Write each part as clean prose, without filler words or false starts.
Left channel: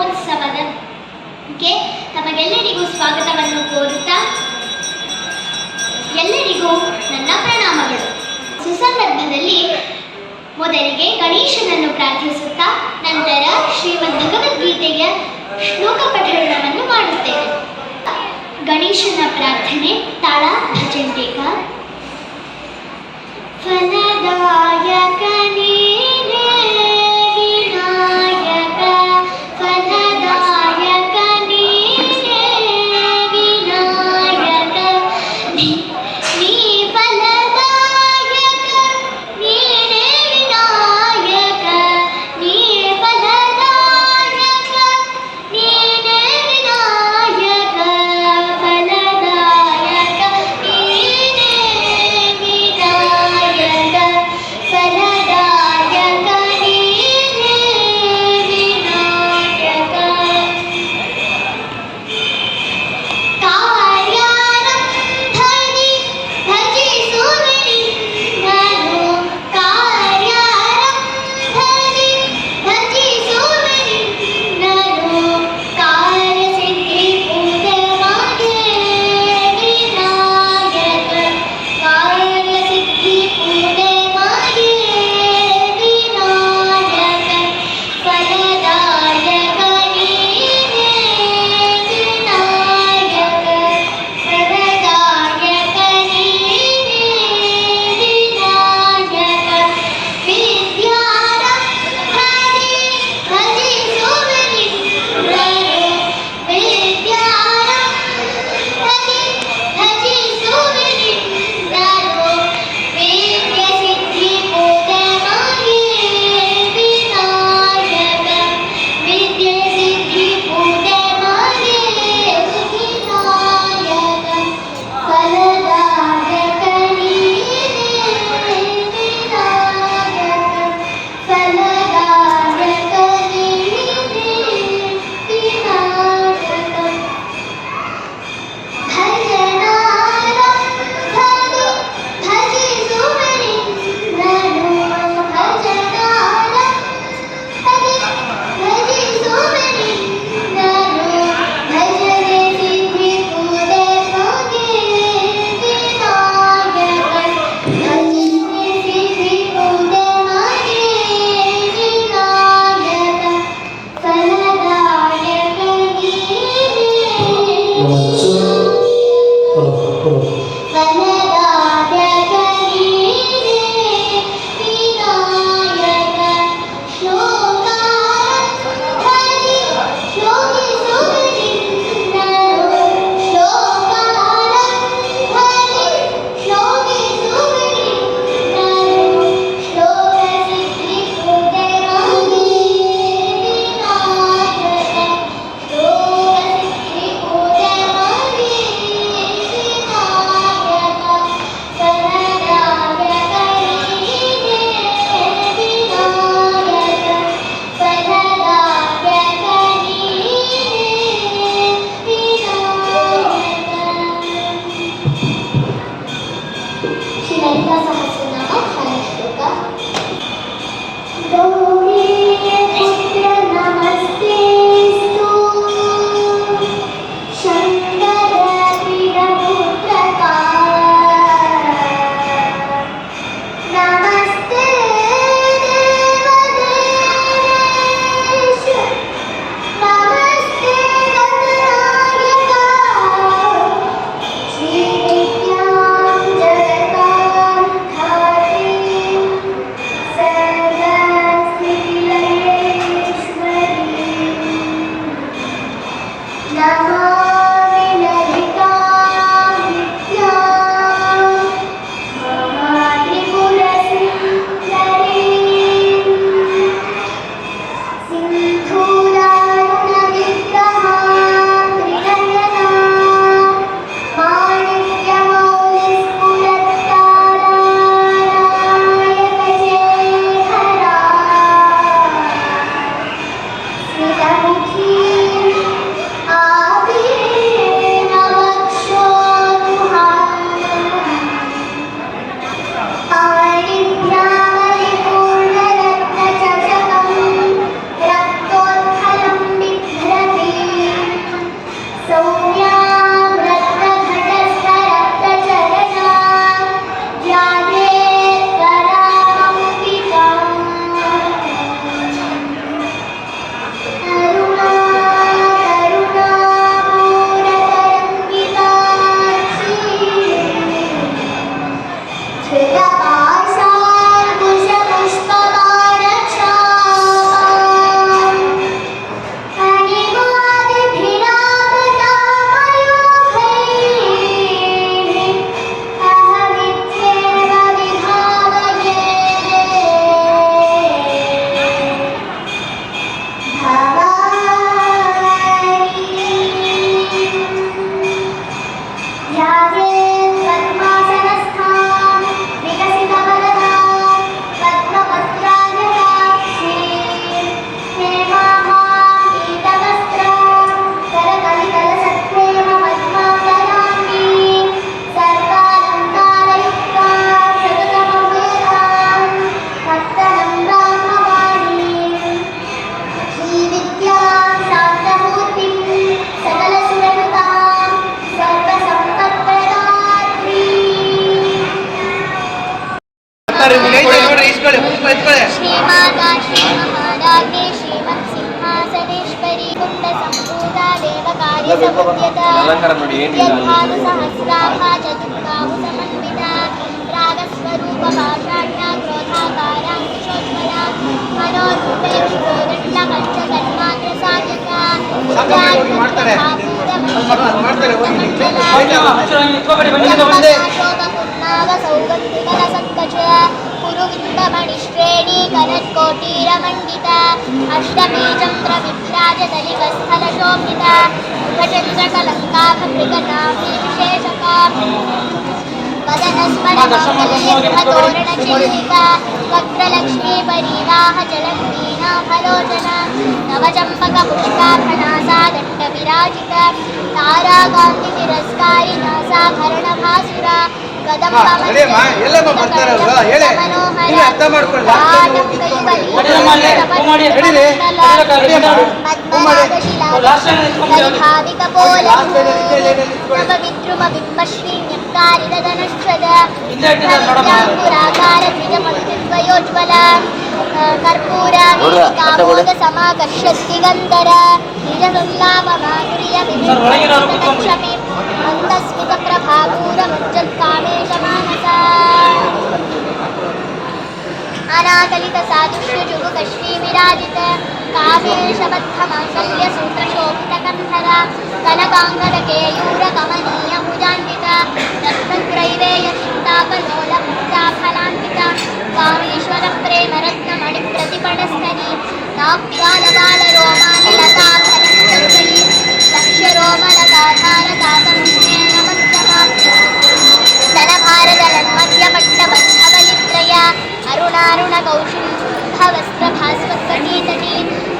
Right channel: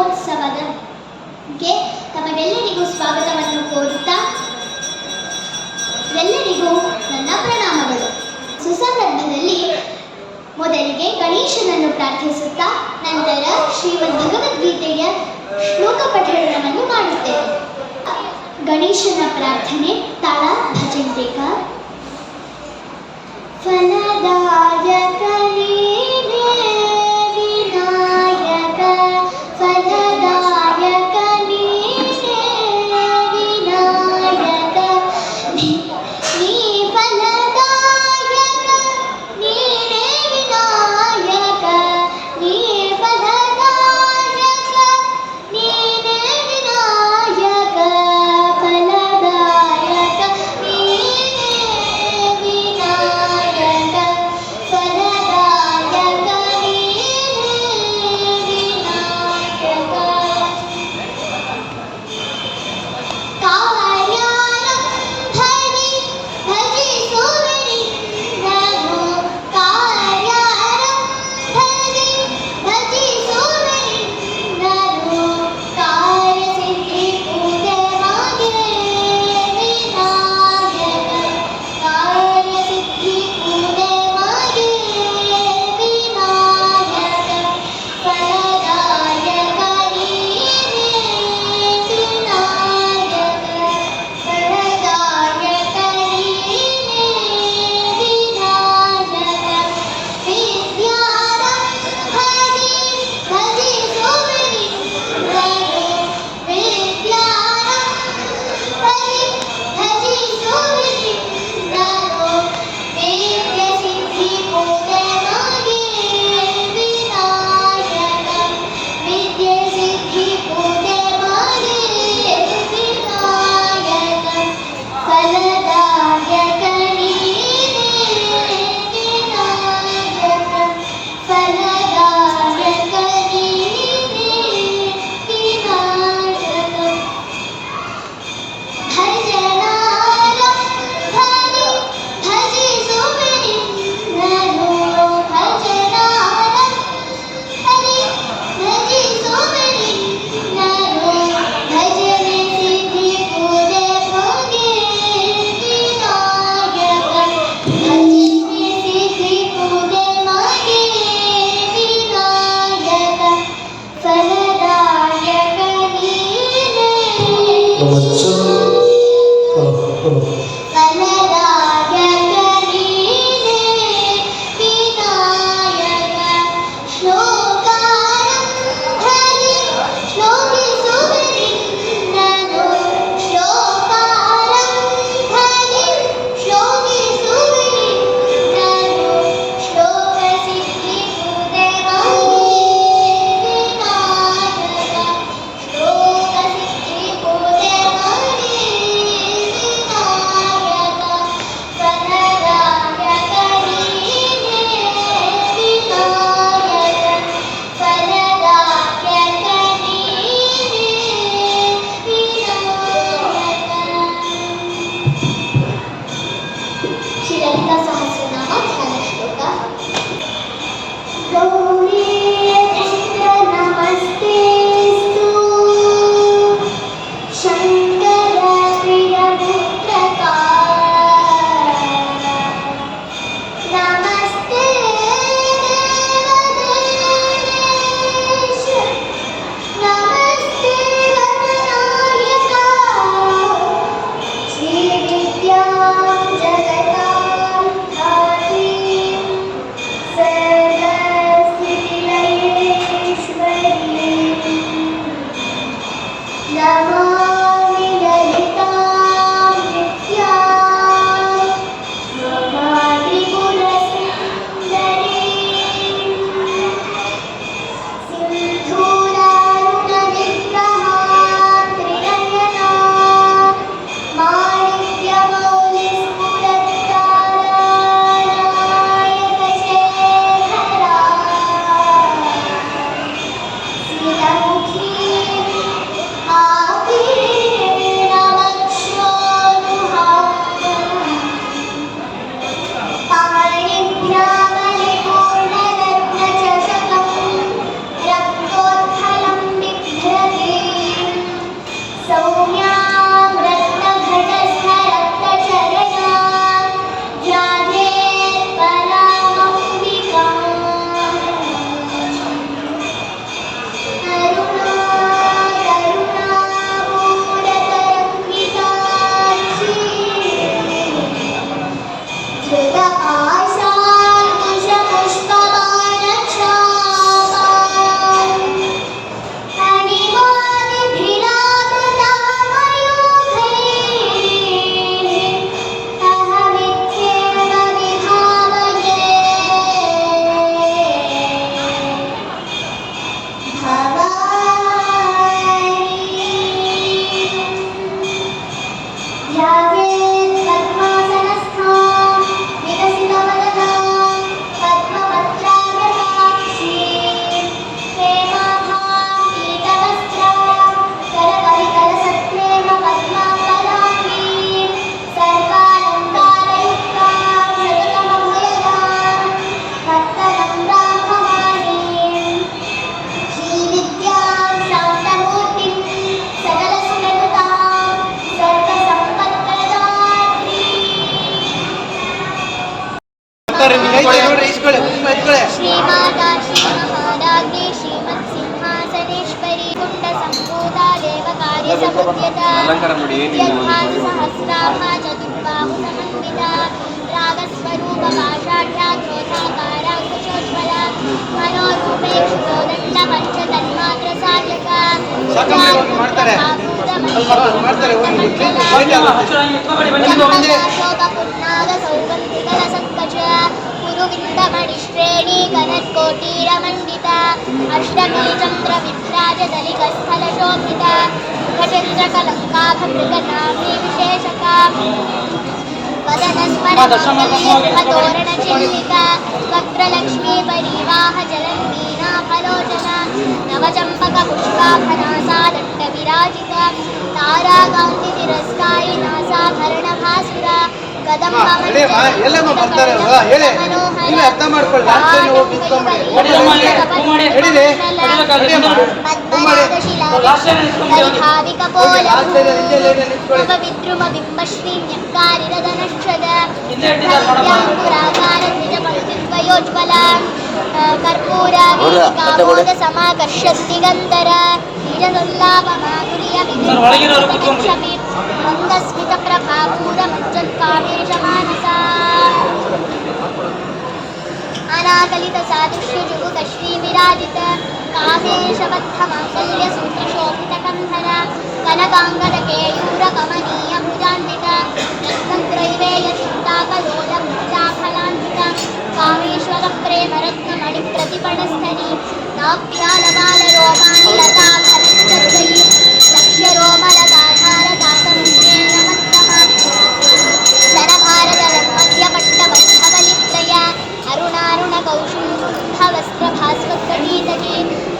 ಮಹೋತ್ಸವಕ್ಕೆ ತಮಗೆಲ್ಲರಿಗೂ ಸ್ವಾಗತವನ್ನು ಕೋರುತ್ತಾ ಎಲ್ಲರಿಗೂ ನನ್ನ ಪ್ರಣಾಮಗಳು. ಸುಸಂದರ್ಭದಲ್ಲಿ ಮೊದಲಿಗೆ ಗಣೇಶನನ್ನು ಪ್ರಾರ್ಥಿಸುತ್ತಾ ನಂತರ ಶ್ರೀಮದ್ ಭಗವದ್ಗೀತೆಯ ಶ್ಲೋಕ ಪಠಣವನ್ನು ಮಾಡುತ್ತೇವೆ. ಗಣೇಶನ ಪ್ರಾರ್ಥನೆ ತಾಳ ಭಜಂತಿಕ. ಫಲದಾಯಕ ನೀನೇ ವಿನಾಯಕ, ಫಲದಾಯಕ ನೀನೇ ವಿನಾಯಕ, ನೀ ಫಲದಾಯಕ ನೀನೇ ವಿನಾಯಕ, ನೀ ಫಲದಾಯಕ ನೀನೇ ವಿನಾಯಕ, ಫಲದಾಯಕ ನೀನೇ ವಿನಾಯಕ. ಚಾರಿ ಸಮುದ್ಯತ ಯದ್ಭಾನು ಸಹಸ್ರಾಭ ಚತುರ್ಬಾಹು ಸಮನ್ವಿತ ರಾಗಸ್ವರೂಪ ಪಾಷಾಢ್ಯ ಕ್ರೋಧಾಕಾರ ಕುಶೋಜ್ವಲ ಮನೋರೂಪೇಕ್ಷಿತೋ ದಂಡ ಪಂಚ ತನ್ಮಾತ್ರ ಸಾಧಕ ಶೋಕ ಸೌಗಂಧಿಕಲ ಸಂಕಚ ಕುರುವಿಂದಮಣಿಶ್ರೇಣಿ ಕನತ್ಕೋಟೀರಮಂಡಿತ ಅಷ್ಟಮೀ ಚಂದ್ರ ವಿದ್ರಾಜದಲಿಕಸ್ಥಲ ಶೋಭಿತ ಮುಖಚಂದ್ರ ಕಲಂಕಾಭೃಗನಾಮಿ ವಿಶೇಷಕ ವದನಸ್ಮರತೋರಣ ಚಿಲ್ಲಿಕ ವಕ್ರಲಕ್ಷ್ಮೀ ಪರಿವಾಹ ಜಲಂಗೀನಾಭಲೋಚನ ನವಚಂಪಕ ಪುಷ್ಪಾಭನಾಸಾ ದಂಡ ವಿರಾಜಿತ ತಾರಾಕಾಂತಿ ತಿರಸ್ಕಾರಿ ನಾಸಾಭರಣ ಭಾಸುರ ವಿದ್ರುಮ ಬಿಂಬಶ್ರೀನ್ಯಕಾರಿದನಶ್ವದ ಪುರಾಕಾರ ದ್ವಿಜಪಂಕ್ತಿದ್ವಯೋಜ್ವಲ ಕರ್ಪೂರ ಸಮಾಕರ್ಷಸ್ತಿ ಗಂಧರ ನಿಜದುಲ್ಲಾಪಮಾಧುರ್ಯ ವಿಕ್ಷಪಿ ಮಂದಸ್ಮಿತ ಪ್ರಭಾಪೂರ ಮಜ್ಜತ್ಕಾಮೇಶ ಮಾನಸ ಅನಾಕಲಿತ ಸಾದುಷ್ಯ ಜುಗುಕ ಶ್ರೀ ವಿರಾಜಿತ ಕಾಮೇಶಬದ್ಧ ಮಾಂಗಲ್ಯ ಸೂತ್ರ ಶೋಭಿತ ಕಂಧರ ಕನಕಾಂಗದ ಕೇಯೂರ ಕಮನೀಯ ಭುಜಾನ್ವಿತ ರತ್ನಗ್ರೈವೇಯ ಚಿಂತಾಕಲೋಲ ಮುಕ್ತಾಫಲಾಂಕಿತ ಕಾಮೇಶ್ವರ ಪ್ರೇಮ ರತ್ನ ಮಣಿ ಪ್ರತಿಪಣಸ್ಥನಿ ನಾಭ್ಯಾಲ ಬಾಲ ರೋಮಾನಿ ಲತಾ ಫಲಂಚಕ್ರಯಿ ಲಕ್ಷ್ಯ ರೋಮಲತಾಧಾರ ತಾತಮುಖ್ಯೇನ ಮಧ್ಯಮ ಧನಭಾರದ ನನ್ಮಧ್ಯ ಪಟ್ಟಬದ್ಧವಲಿತ್ರಯ ಅರುಣಾರುಣ ಕೌಶುಂಭ ವಸ್ತ್ರ ಭಾಸ್ವರ್ಗೀತಟಿ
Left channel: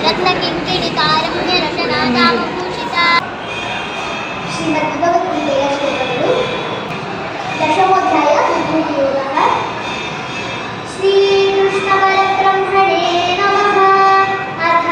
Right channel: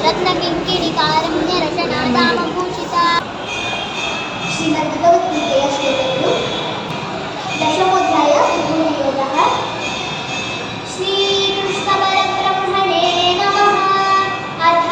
ರತ್ನ ಕಿಂಕಿಣಿ ಕಾರಮ್ಯ ರಚನಾ ದಾಮಭೂಷಿತ ಶ್ರೀಮದ್ಭಗವದ್ಗೀತೆಯ ಶ್ಲೋಕಗಳು ದಶಮೋಧ್ಯಾಯ ವಿಭೂತಿಯೋಗಃ ಶ್ರೀಕೃಷ್ಣ ಪರಬ್ರಹ್ಮಣೇ ನಮಃ ಅಥ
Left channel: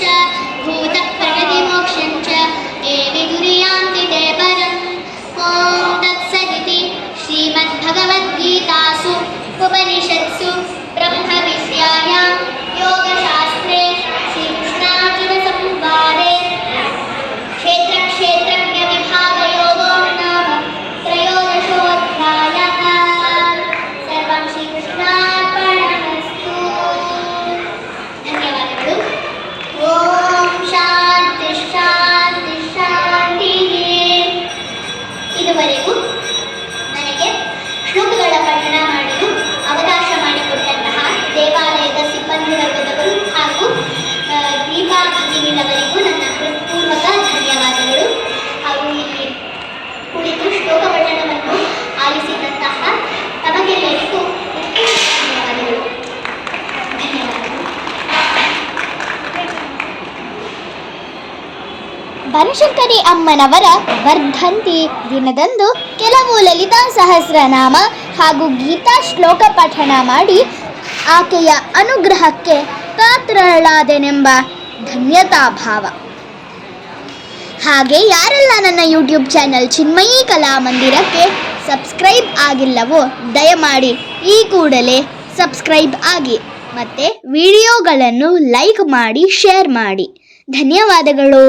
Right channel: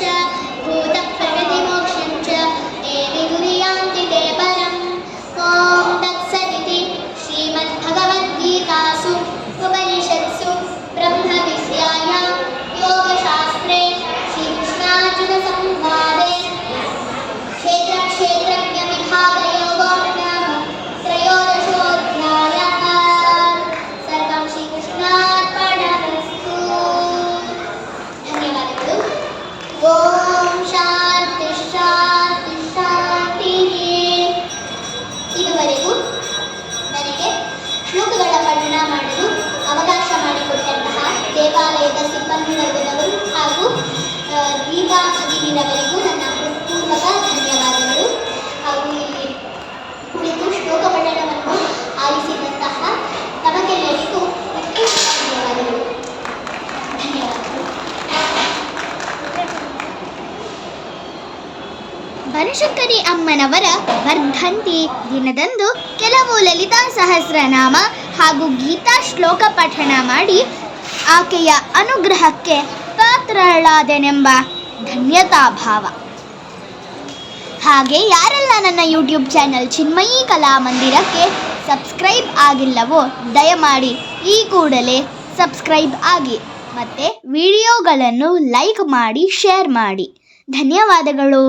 च भूतप्रकृतिमोक्षं च ये विदुर्यान्ति ते परम् ॐ तत्सदिति श्रीमद्भगवद्गीतासु उपनिषत्सु ब्रह्मविद्यायां योगशास्त्रे श्रीकृष्णार्जुनसंवादे क्षेत्रक्षेत्रज्ञविभागयोगो नाम त्रयोदशोऽध्यायः। सर्वं श्रीकृष्णार्पणमस्तु। ಧನ್ಯವಾದಗಳು. ಓಂ ಶಾಂತಿ ಶಾಂತಿ ಶಾಂತಿ. ಇದುವರೆಗೂ ನನಗೆ ಶ್ಲೋಕಗಳ ಪಠಣ ಮಾಡಲು ಅವಕಾಶ ಮಾಡಿಕೊಟ್ಟಂತಹ ದೇವಾಲಯದ ಸಿಬ್ಬಂದಿ ವರ್ಗದವರು ಹಾಗೂ ದೀಪಾ ಭಗಿನಿಯವರಿಗೂ ನನ್ನ ಹೃತ್ಪೂರ್ವಕ ಧನ್ಯವಾದಗಳು. ಹಾಗೂ ಇಲ್ಲಿ ಕುಳಿತು ಶ್ಲೋಕ ಪಠಣವನ್ನು ಆಲಿಸಿದಂತಹ ತಮಗೆಲ್ಲರಿಗೂ ಧನ್ಯವಾದಗಳು. ಧನ್ಯವಾದಗಳು. ಬನಶಂಕರಿ ಅಮ್ಮನವರ ವರ್ಧಂತಿ ದಿನದಂದು ಕೆಲವು ಲಲಿತಾ ಸಹಸ್ರನಾಮ ಹಾಗೂ ಗೀತಾ ಶ್ಲೋಕ ಪಠಣ ಮಾಡಿ ಆಕೆಯ ಅನುಗ್ರಹಕ್ಕೆ ಪಾತ್ರಳಾದೆನೆಂಬ ಧನ್ಯತಾಭಾವ. ಹಾಗೆ ಯಾರೆಲ್ಲ ನನ್ನ ಯೂಟ್ಯೂಬ್ ಚಾನಲ್ ಚಿನ್ಮಯಿ ಕಲಾಮಂದಿರಕ್ಕೆ ಸಬ್ಸ್ಕ್ರೈಬ್ ಆಗಿಲ್ಲವೋ ದಯಮಾಡಿ ಈ ಕೂಡಲೇ ಸಬ್ಸ್ಕ್ರೈಬ್ ಆಗಿ ಮತ್ತು ವಿಡಿಯೋಗಳನ್ನು ಲೈಕ್ ಮಾಡಿ ಶೇರ್ ಮಾಡಿ. ಧನ್ಯವಾದಗಳು.